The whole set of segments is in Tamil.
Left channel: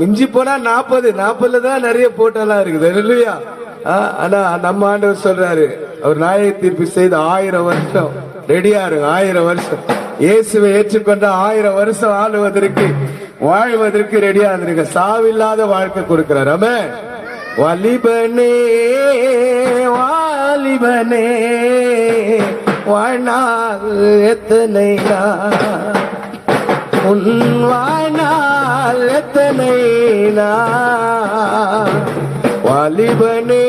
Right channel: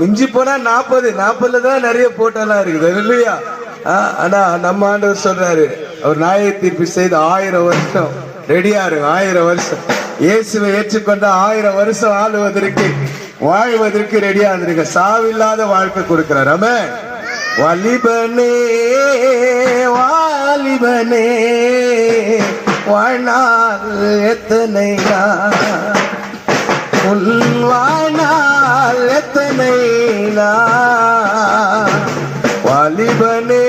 மிஞ்சி போனா 40 தான் நிறைய போட்டோலாம் இருக்குது இல்லையா? ஆனா நம்ம ஆண்டவர் சொல்றாரு, அவர் நியாய தீர்ப்பு செய்து 1000 வருஷம் ரெடியா இருக்கு. 1000 வருஷம் இயேசுவை ஏற்றுக்கொண்ட 1000 வருஷம் ஆளுவதற்கு வாழ்வதற்கு ரெடியா இருந்திருக்க. சாவில்லாத வாழ்க்கை கொடுக்கிறார். ஆமென். வாலிபனே வாலிபனே வாழ்நாள் எத்தனை உன் வாழ்நாள் எத்தனை வாலிபனே.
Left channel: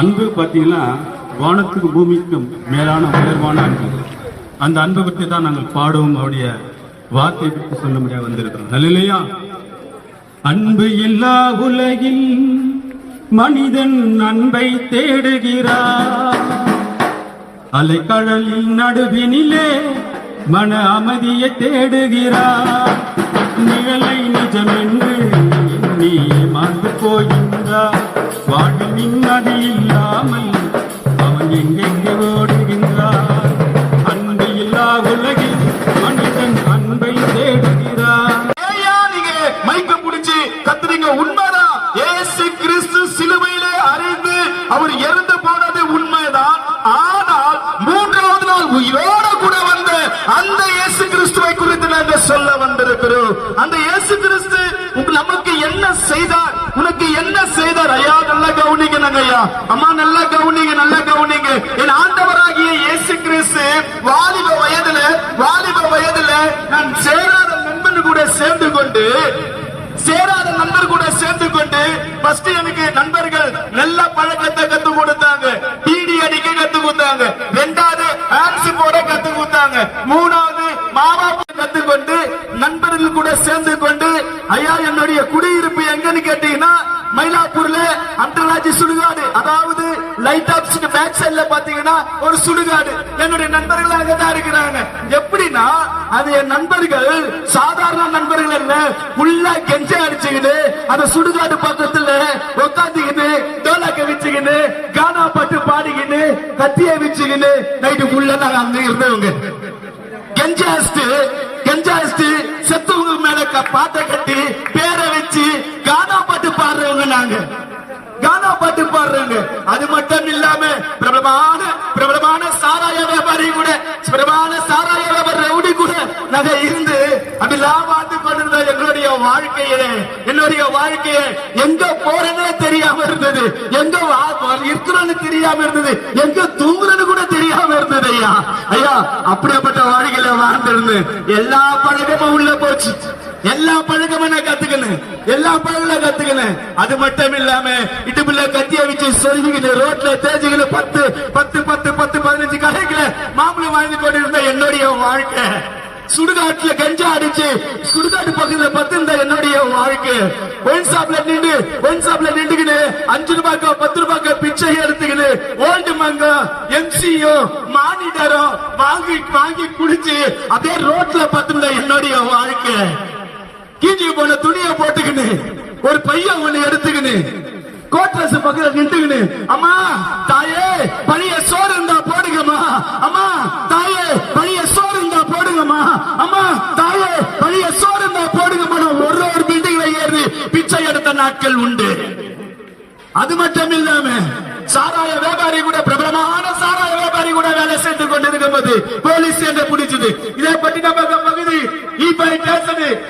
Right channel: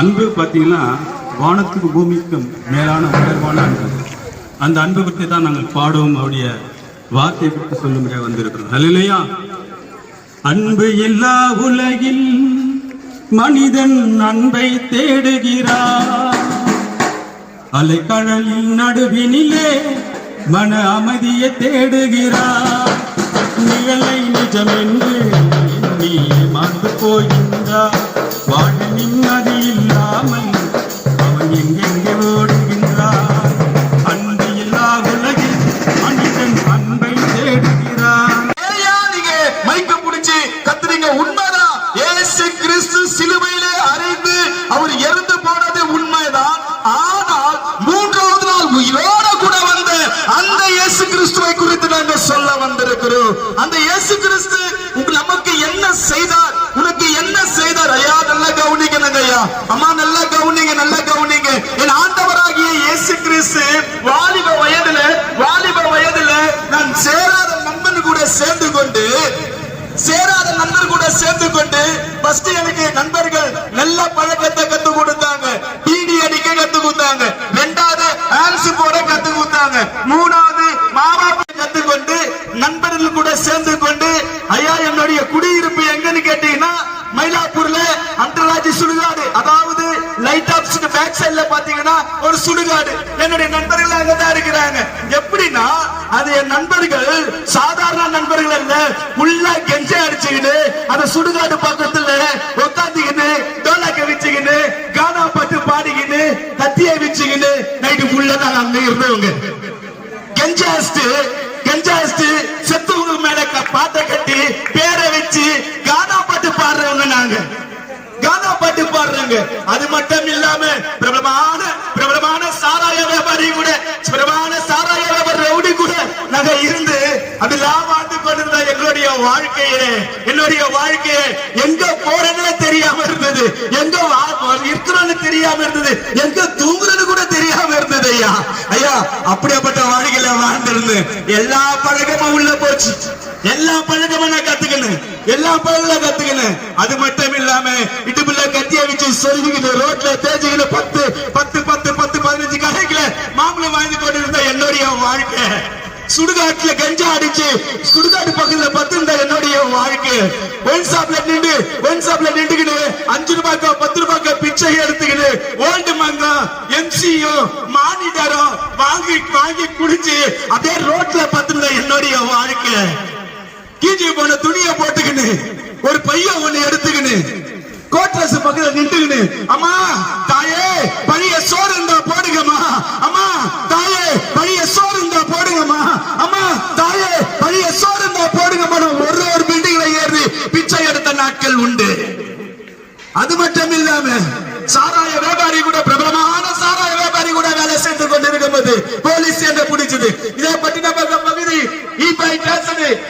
அன்பு பார்த்தீங்கன்னா வானத்துக்கு பூமிக்கும் மேலான உயர்வான அன்பு. அந்த அன்பை பற்றி தான் நாங்கள் பாடுவோம். அவருடைய வார்த்தை பற்றி சொல்ல முடியாது வந்திருக்கிறோம். அல்லேலூயா. அன்பு இல்லா உலகில் மனிதன் அன்பை தேடுகிறார். அலைக்கடலின் நடுவினிலே மன அமைதியை தேடுகிறார். நிழலை நிஜம் என்று எண்ணி ஏமாந்து போகின்றார். வாழ்வில் நிம்மதி இல்லாமல் அவன் எங்கெங்கே ஓடுகின்றார். அன்பு இல்லா உலகில் மனிதன் அன்பை தேடுகிறார். ஏயா நீங்க மைக்க புடிச்சு கத்துறீங்க? உண்மைதான், இயேசு கிறிஸ்து சிலுவையிலே அறைந்து அவர் இறந்து போனது உண்மைதான். ஆனால் மூன்றாவது நாள் உயிரோட கூட வந்த அந்த இயேசு கிறிஸ்துவை குறித்து நாங்கள் சொல்ல வந்திருக்கிறோம். அந்த இயேசு கிறிஸ்து நமக்கு என்ன செய்தார், உனக்கு என்ன செய்தார்? ஐயா நல்லா கவனிக்கணுங்க ஐயா, அம்மா நல்லா கவனிங்க, நல்லா கவனிங்க. என் ஆண்டவராகிய இயேசு கிறிஸ்து வாலிப வயதுல நான் சேராத நண்பன் கூட சேர்ந்து கொண்டு ஃபர்ஸ்ட் எனக்கு நண்பர்கள் நல்ல பழக்கத்தை கத்து கொடுத்தாங்க. டிடி அடிக்க கத்து கொடுத்தாங்க. இரண்டாவது ஆன்சி போட கத்து கொடுத்தாங்க. மூணாவது மாவாப்பு கத்துக்கொண்டு நண்பர்கள் கூட சேர்ந்து கொண்டு ஐயா என்னுடைய குடியிருப்பு எங்கன்னு கேட்டீங்கன்னா மயிலாப்பூர்ல அண்டர்ராஜ் சுடுகாடு, அதாவது லைட் ஆப்ஸ்க்கு பேக் சைடுல பாத்தீங்கன்னா ஒரு சுடுகாடு. என்னுடைய நண்பர்கள் அங்கதான் இருக்கிறாங்க. எப்படின்னா அது என் நண்பர்கள் சாதாரண நண்பர்கள் இல்ல, ஃபுல்லா கெஞ்ச அடிச்சுக்கிட்டு அந்த சுடுகாடு பக்கத்துல உட்காந்துக்கிட்டு டோலாக்க வச்சுக்கிட்டு கானா பாட்டு பாடிக்கிட்டு கத்திய வச்சுக்கிட்டு நைட்டு ஃபுல்லா நாங்க அங்க இருந்தவங்க. கெஞ்சாஸ்ட் செத்தவங்க மேல பாட்டை கட்டி பேரை வச்சு கானா பாட்டு பாடுறவங்க நாங்க. கானா பாட்டு பாடுறாங்க. அது மட்டும் இல்லாம பிரபலமான சாராய வியாபாரி கூட, பிரபலமான சாராய வியாபாரி ரவுடி கூட நாங்க இருந்து அதெல்லாம் வாழ்ந்து கொண்டிருந்த என்னுடைய வாழ்க்கையை எங்க போறேன்னு தெரியாம இருந்தது, எங்க இருக்கிறோன்னு தெரியாம இருந்தது, எங்க தூங்குறது கூட தெரியாம இருந்தது. ஐயா அப்படிப்பட்ட வாழ்க்கையில வாழ்ந்திருந்து எல்லா பழக்கமும் உள்ள போச்சு. எல்லா பழக்கமும் நான் கத்துக்கணும். அது மட்டும் இல்லாம இடுப்புல கத்திய வச்சு சொருகிக்கிட்டு ரோட்ல தேய்ச்சிக்கிட்டு 10-15 கடைக்குல மாம்பழம் வாங்கி கொண்டிருந்த என்னுடைய வாழ்க்கை. சுடுகாட்டுல கஞ்சா அடிச்சு சுடுகாட்டு பக்கத்துல 10 இருந்த என்னுடைய வாழ்க்கை. ஒயின் ஷாப்ல நின்றுக்கிட்டு 5 ரூபாய்க்கோ 10 ரூபாய்க்கோ பிச்சை எடுத்துக்கிட்டு ஓல்டு மங்கோ எம்சியோ மானிட்டரோ வாங்கி குடிச்சு அதே ரோட்ல 10 இருந்த என்னுடைய வாழ்க்கை. கீஞ்சி போன துணியை போட்டுக்கின்னு ஒரு பையன் ஒண்ணு எடுத்துக்கின்னு கோட்ரஸ் பக்கத்துல நின்றுக்கின்னு அம்மா தாயே பழைய சோறு இருந்தா போடுங்கம்மா, அம்மா தாயே பழைய சோறு இருந்தா போடுங்கம்மா, அம்மா தாயே பழைய சோறு இருந்தா போடுங்கம்மா. ஒரு பில்டிங்ல ஏறி பிச்சை எடுத்த நாட்கள் உண்டு. அது மட்டும் இல்லாம சாராய வியாபாரி கூட, பிரபலமான சாராய வியாபாரி கூட வேலை செய்து கொண்டிருக்கும் போது போலீஸ் என்ன பிடிச்சது. இதை பற்றி நம்ம பகுதி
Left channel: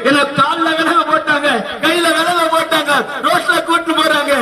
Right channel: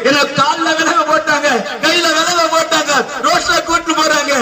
என்ன கால்ல விலக போட்டாங்க, கையில விலக போட்டாங்க, ரோட்ல கூட்டு போறாங்க.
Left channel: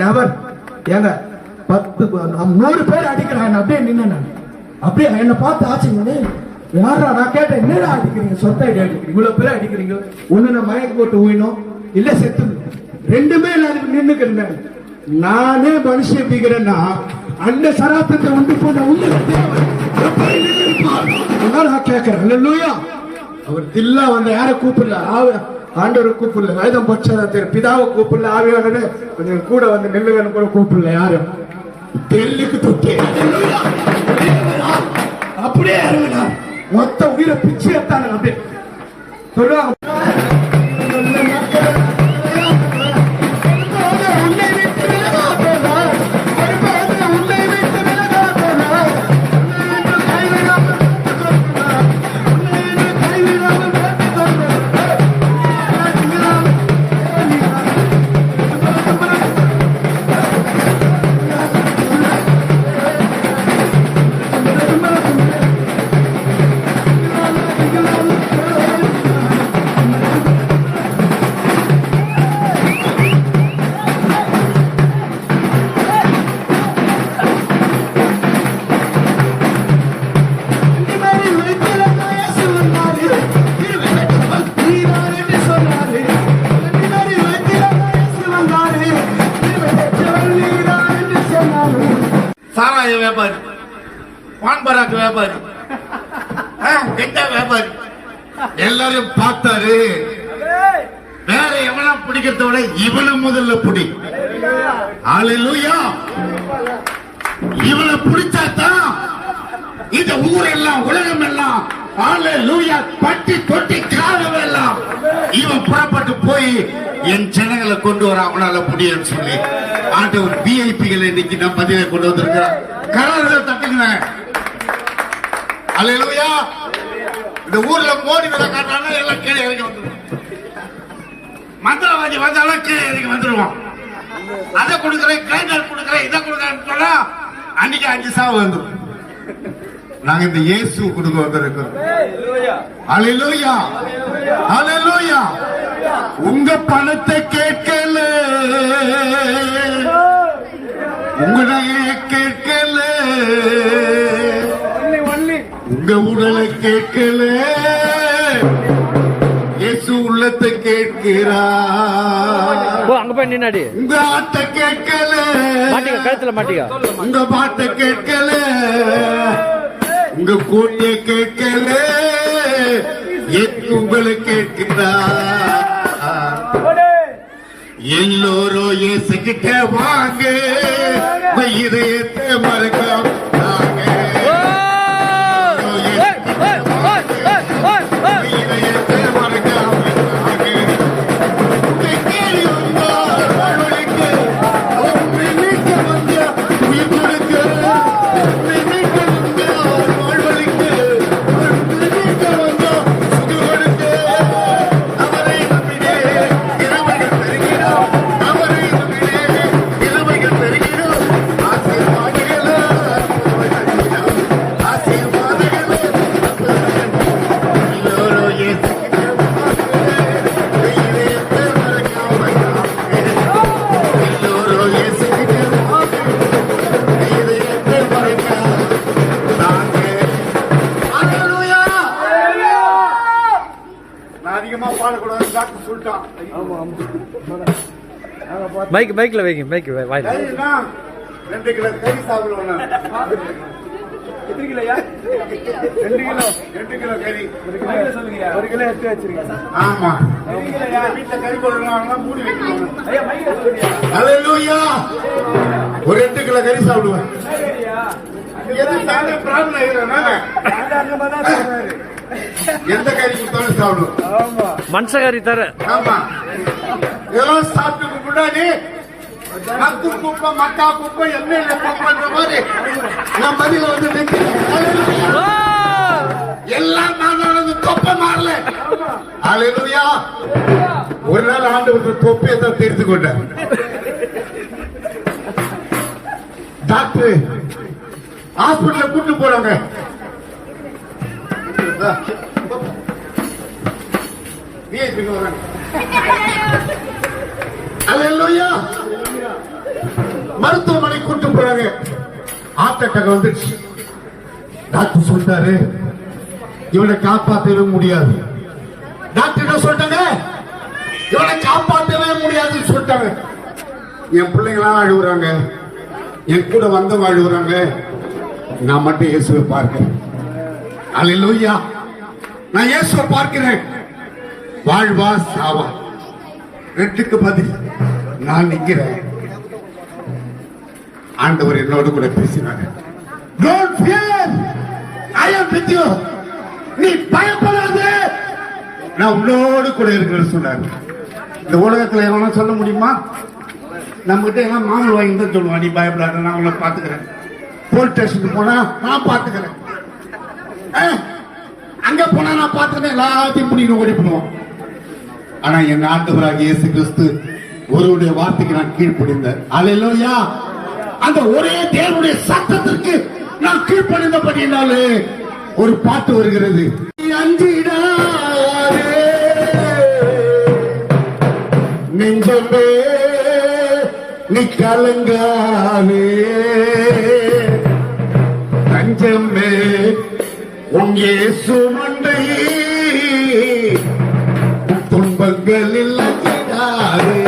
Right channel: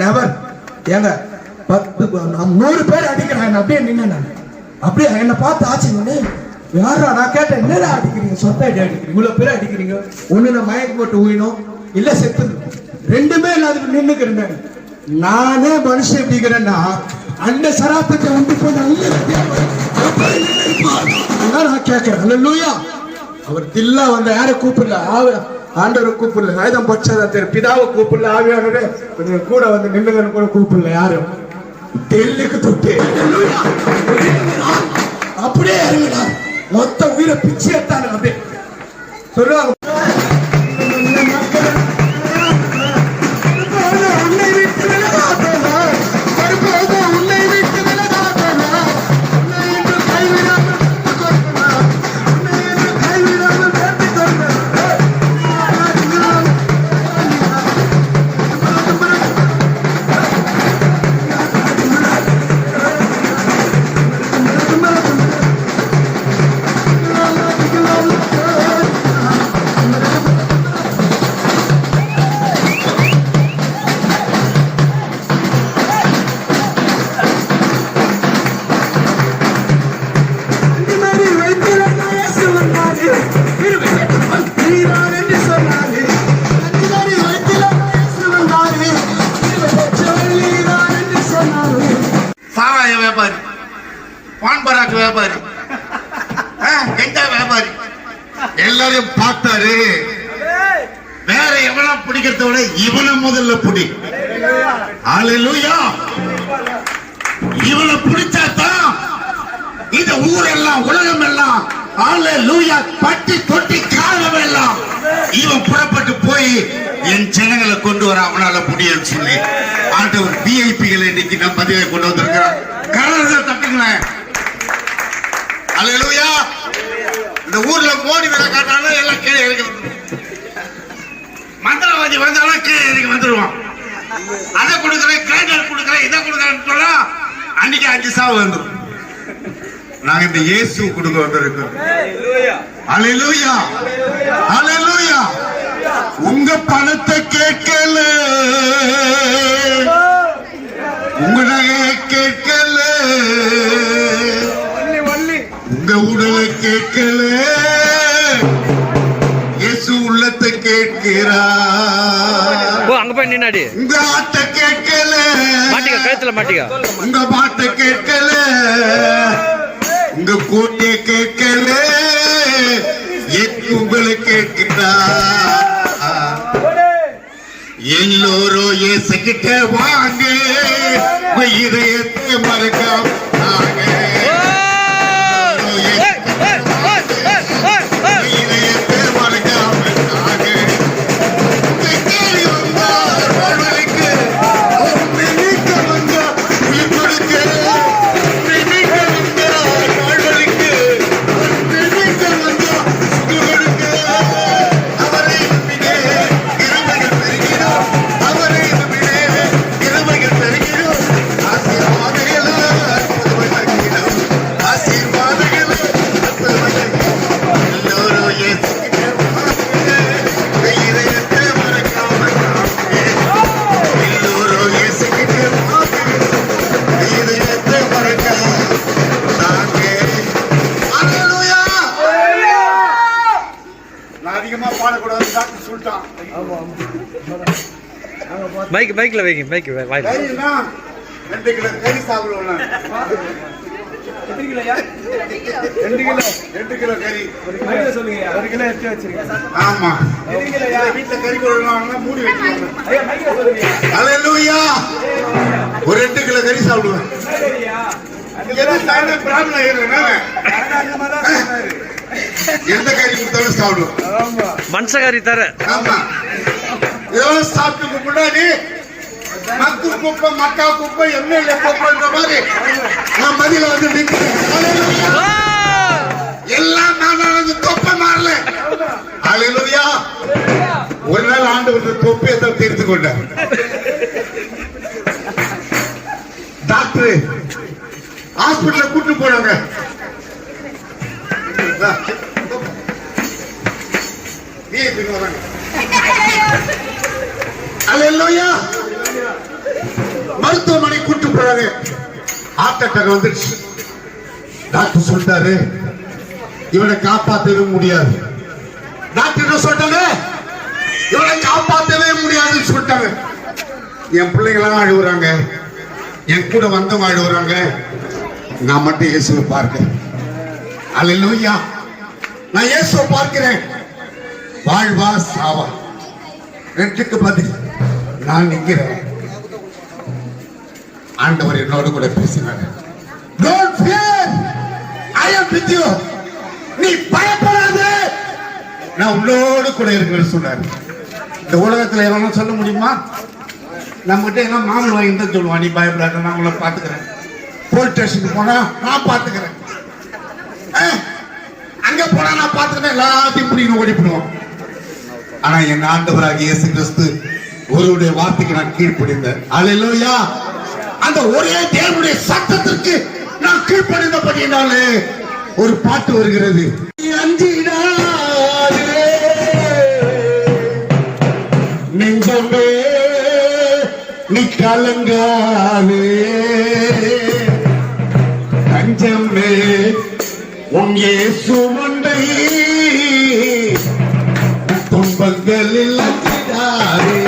நெவர் ஏங்க 100 பேர் அடிக்கிறாங்க. அப்படியே நின்று அப்படியே என்ன பார்த்து ஆச்சுங்க. யாரா நான் கேட்டேன், என்னடா அடிக்கிறீங்க, சொத்த அடி அடிக்கிறீங்க, இவ்வளவு பேர் அடிக்கிறீங்க, ஒண்ணு மயக்க போட்டு ஊயினோம் இல்ல செத்து ரெண்டுமே இல்லாத நின்னுக்கிறேன். நானே மனுஷன் எப்படிங்கிறேன்னா அந்த சராத்திரத்தை உண்டு போன நான் கேட்கிறேன். அல்லேலூயா. அவர் தில்லா வந்த யாரை கூப்பிடல, ஆண்டவரை கூப்பிடல, வேதம் பட்சத்தை பிதாவை கூப்பிடல, ஆவியானவே கொஞ்சம் கூட வந்து நில்லுங்கன்னு கூட கூப்பிடல. யாரும் தெல்லுக்கு தொட்டு அப்படியே இறங்கினார். மொத்த உயிரை பிச்சு எடுத்தாங்க. அப்படியே சொல்லுவாங்க. எல்லாரையும் பார்த்தாரு. வேற எவனா பிடிக்கிறத விட இவனை முதல்ல பிடி. ஹalleluya. இவனை பிடிச்சாதான் இந்த ஊரெல்லாம் உலகம் எல்லாம் ஹalleluya பட்டி தொட்டி காலவெல்லாம் இவன் புறப்பட்டு போய் என் ஜனங்களை கொண்டு வர அவனால முடியும் சொல்லி ஆண்டவர் விஐபிகளை இன்னைக்கு நம்ம பதிவை கொண்டு வந்திருக்கிறார். கரங்களை தட்டுங்க. ஹalleluya. இந்த ஊர்ல மோடி வேலை காட்டாலும் எல்லாம் கீழே இறங்கி வந்துடும். மந்திரவாதி வந்தாலும் கீழே இறங்கி வந்துடுவோம். அதை கொடுக்குறேன், கிரைண்டர் கொடுக்குறேன், இதை கொடுக்குறேன்னு சொன்னா அன்னைக்கு 5 சாவு வந்துடும். நாங்க இந்த இயேசு கொடுக்க வந்திருக்கிறோம். ஹalleluya. ஹalleluya. உங்க பணத்தை கேட்கல, உங்க நகையை கேட்கல, உங்க உடலை கேட்கல, இயேசு உள்ளத்தை கேட்கிறார். அங்க போய் நின்னாடி உங்க ஆட்டை கேட்கல, மாட்டிக்க கழுத்துல மாட்டிக்க, உங்க பாட்டை கேட்கல, உங்க கோட்டையை கேட்கல, உங்களை கேட்கிறார். எல்லோரும் இயேசுகிட்ட வாங்க, இதயத்தை மறக்காம வாங்க. மைக்ல வைங்க, மைக் வாயில 2 கிலோ கறி சாப்பிடுவோம். 2 கிலோ கறி சொல்லுங்க. 1 கிலோ எடுத்து வச்சிருக்கீங்க. ஆமா, வீட்டுல கறி போடுவாங்க, மூடி வைக்கணும். ஹalleluya. ஒரு 2 கிலோ கறி சாப்பிடுவேன். எந்த கறி கொடுத்தாலும் சாப்பிடுவோம். மனுஷகாரி தர. ஆமா, இதெல்லாம் சாப்பிட்டு முன்னாடி மக்கு குப்பை, மக்கா குப்பை, எம்எல்ஏ குப்பைன்ற மாதிரி நான் பதில வந்து நிற்கிறேன். எல்லாம் நான் நடந்து தொப்பை மாறல. ஹalleluya. ஒரு நாள் ஆண்டவர் தொப்பியை தான் தீர்த்து கொண்டார். டாக்டர் ஹாஸ்பிடல்ல கூட்டு போனாங்க. ஹalleluya. மருத்துவமனை கூட்டு போறாங்க. ஹார்ட் அட்டாக் வந்துருச்சு. டாக்டர் சொல்லிட்டாரு, இவனை காப்பாற்றவே முடியாது. டாக்டர் சொல்லிட்டாங்க, இவனை காப்பாற்றவே முடியாதுன்னு சொல்லிட்டாங்க. என் பிள்ளைங்களாம் அழுகுறாங்க, என் கூட வந்தவங்க அழுகுறாங்க, நான் மட்டும் இயேசுவை பார்க்கிறேன். ஹalleluya. நான் இயேசுவை பார்க்கிறேன். வாழ்வா சாவா 2க்கு பதில் நான் நிற்கிறேன். ஆண்டவர் என்னோடு கூட பேசினார். Don't fear, I am with you. நீ பயப்படாதே, நான் உன்னோடு கூட இருக்கிறேன்னு சொன்னார். இந்த உலகத்துல எவனா சொல்ல முடியுமா? நம்ம கிட்ட என்ன மாமூல் வாங்கி தான் சொல்லுவான், நீ பயப்படாத, நான் உங்களை பாத்துக்கிறேன். போலீஸ் ஸ்டேஷனுக்கு போனா நான் பாத்துக்கிறேன், அங்க போனா நான் பாத்துக்கிறேன், எல்லாத்தையும் பிடிக்கணும் ஓடிப்படுவோம். ஆனா என் ஆண்டவராகிய இயேசு கிறிஸ்து ஒருவருடைய வார்த்தைக்கு நான் கீழ்ப்படிந்தேன். ஹalleluya. அந்த ஒரே தேவனுடைய சத்தத்திற்கு நான் கீழ்ப்படிந்தபடியினாலே ஒரு பாட்டு வருகிறது. அஞ்சிடாதே நெஞ்சமே, நீ கலங்காதே, தஞ்சமே உன் இயேசு மண்டை, துன்பங்களில் அஞ்சிடாதே.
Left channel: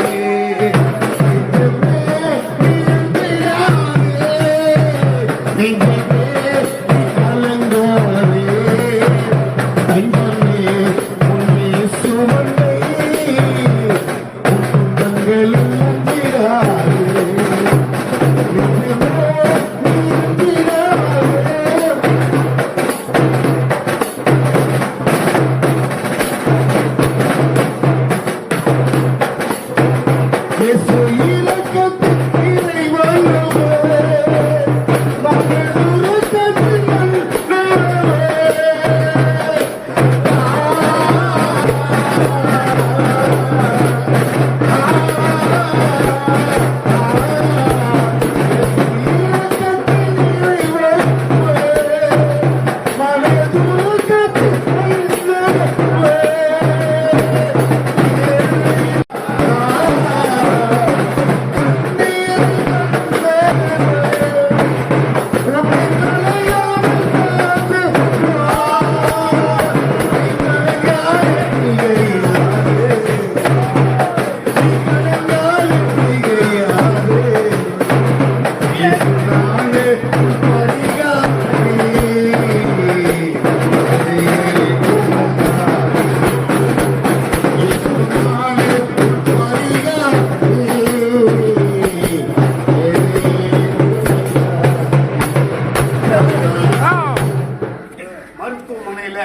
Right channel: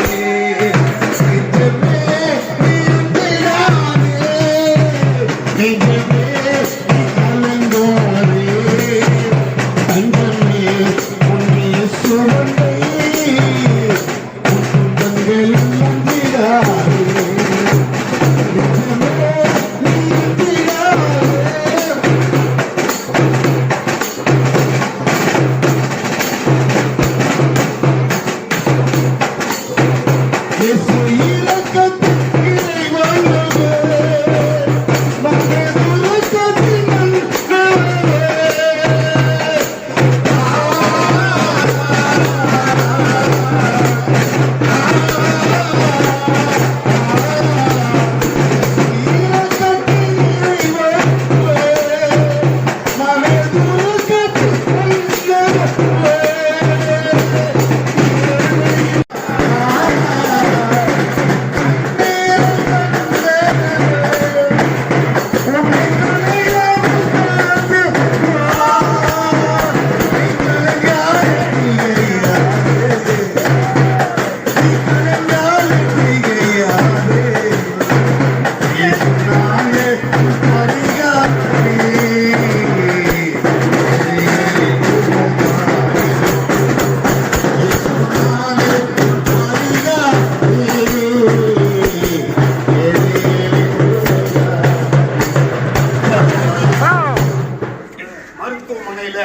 மருத்துவமனையில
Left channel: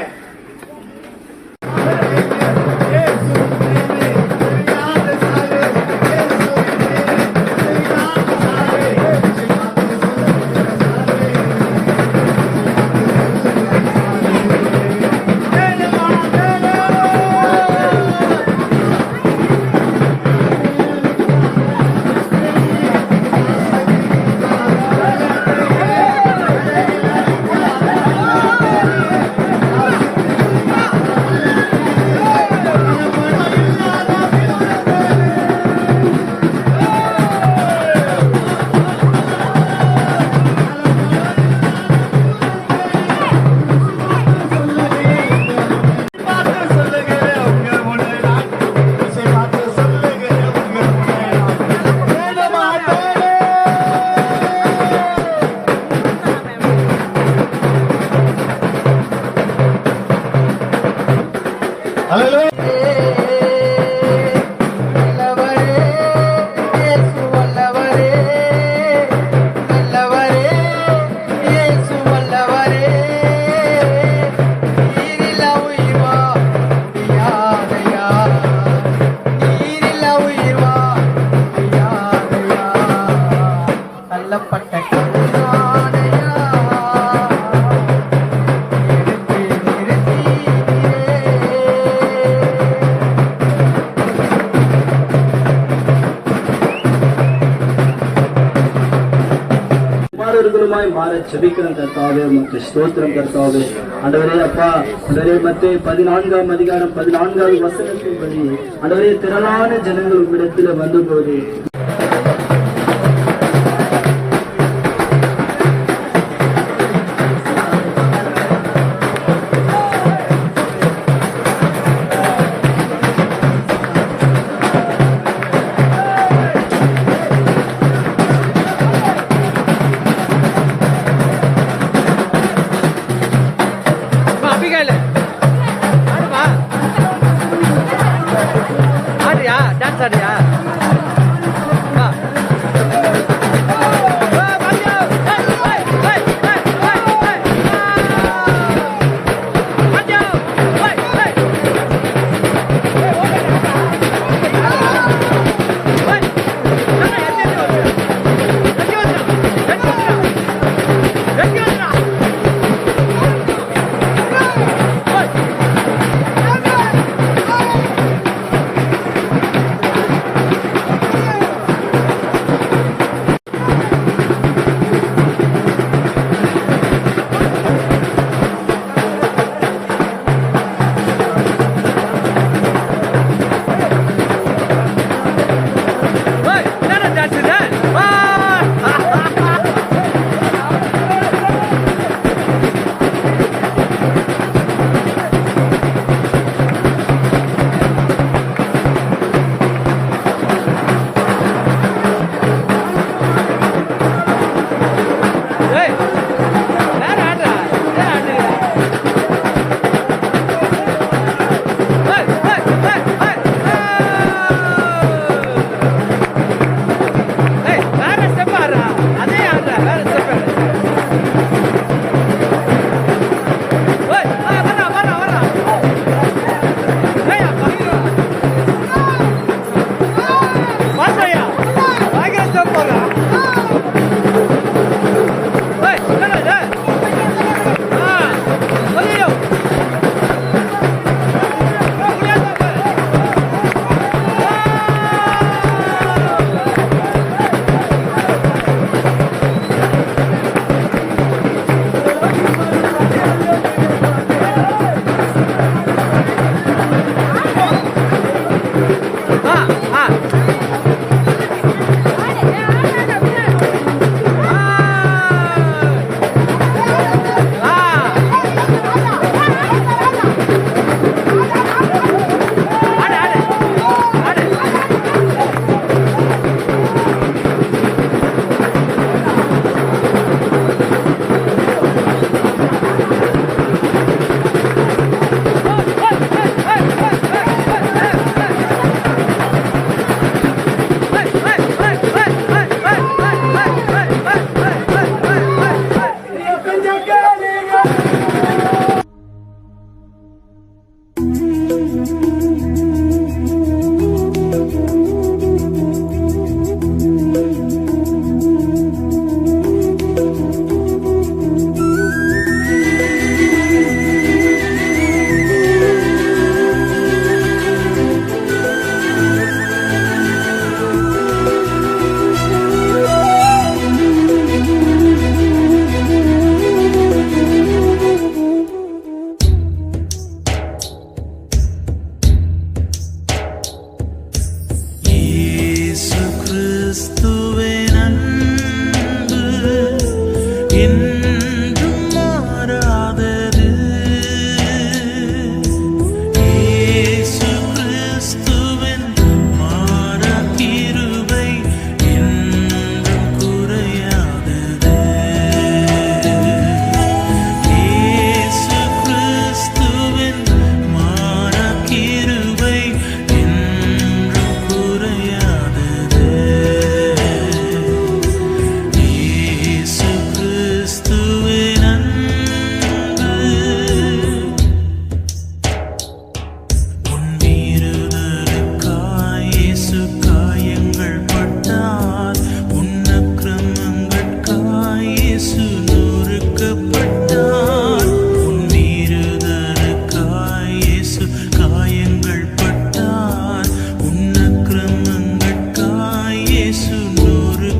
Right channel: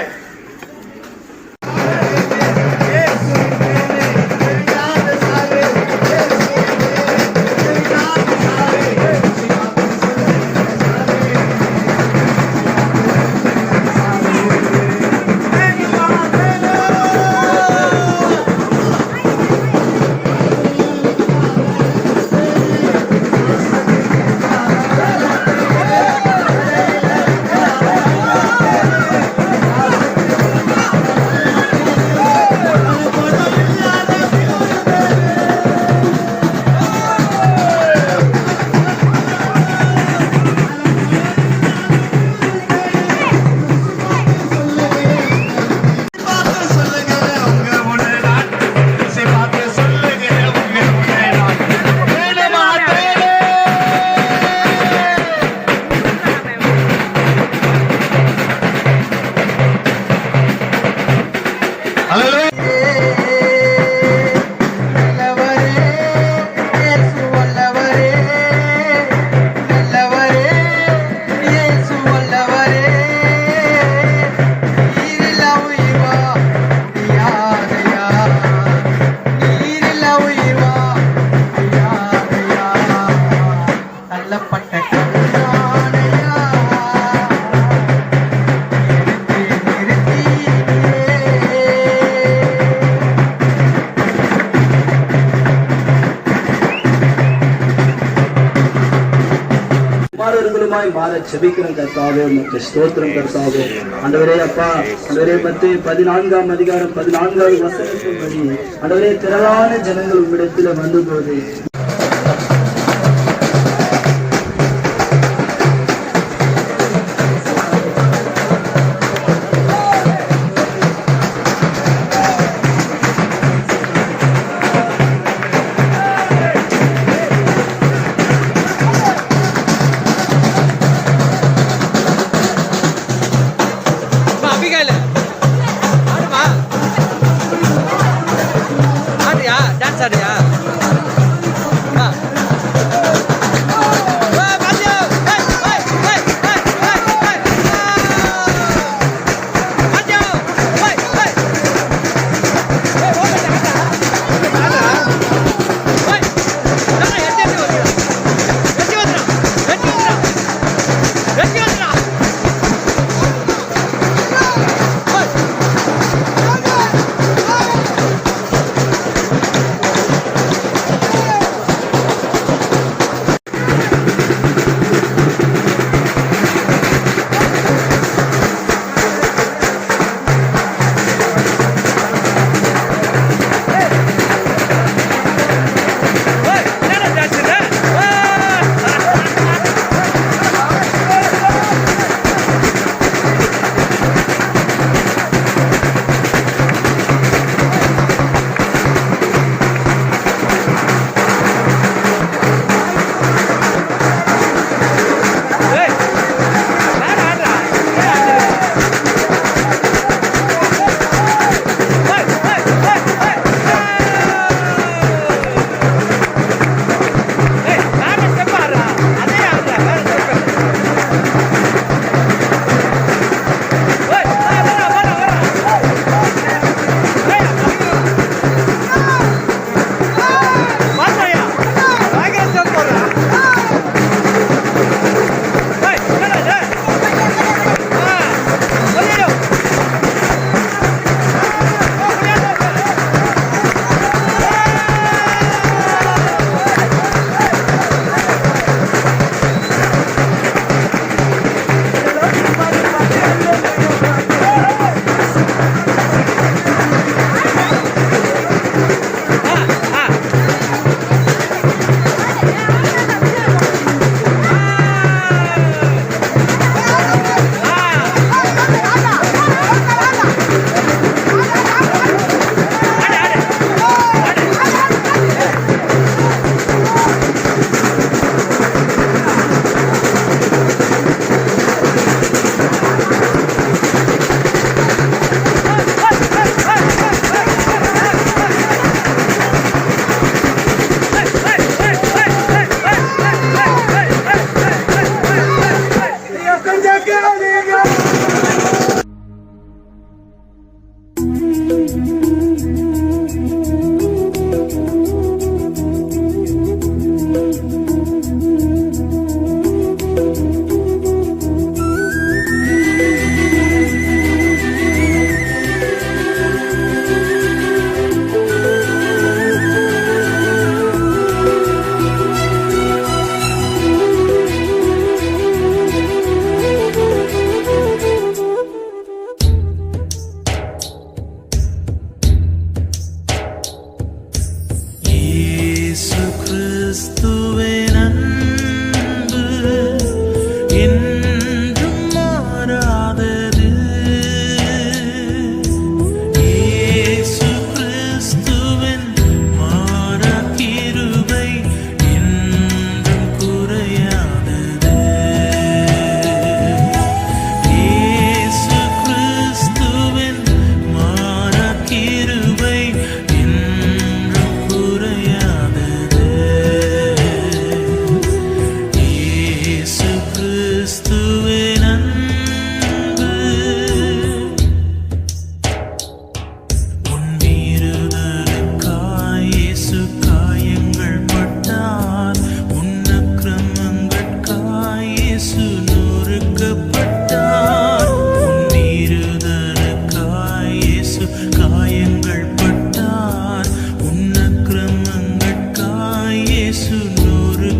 குமாரர்களுமாய் மாற செபிக்கிறோம் கர்த்தாவே, உமக்கு ஸ்தோத்திரம் கர்த்தாவே. ஆண்டவரே அப்பா, ஆண்டவரே மத்தேயு 14ஆம் அதிகாரம் 14வது வசனத்தின்படி ஆண்டவரே திரளான ஜனங்கள் உம்மிடத்திலே வந்தபோது அபிகாயில ஆடுமா ஆடியா டான்ஸ் ஆடியா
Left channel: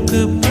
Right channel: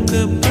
எனக்கு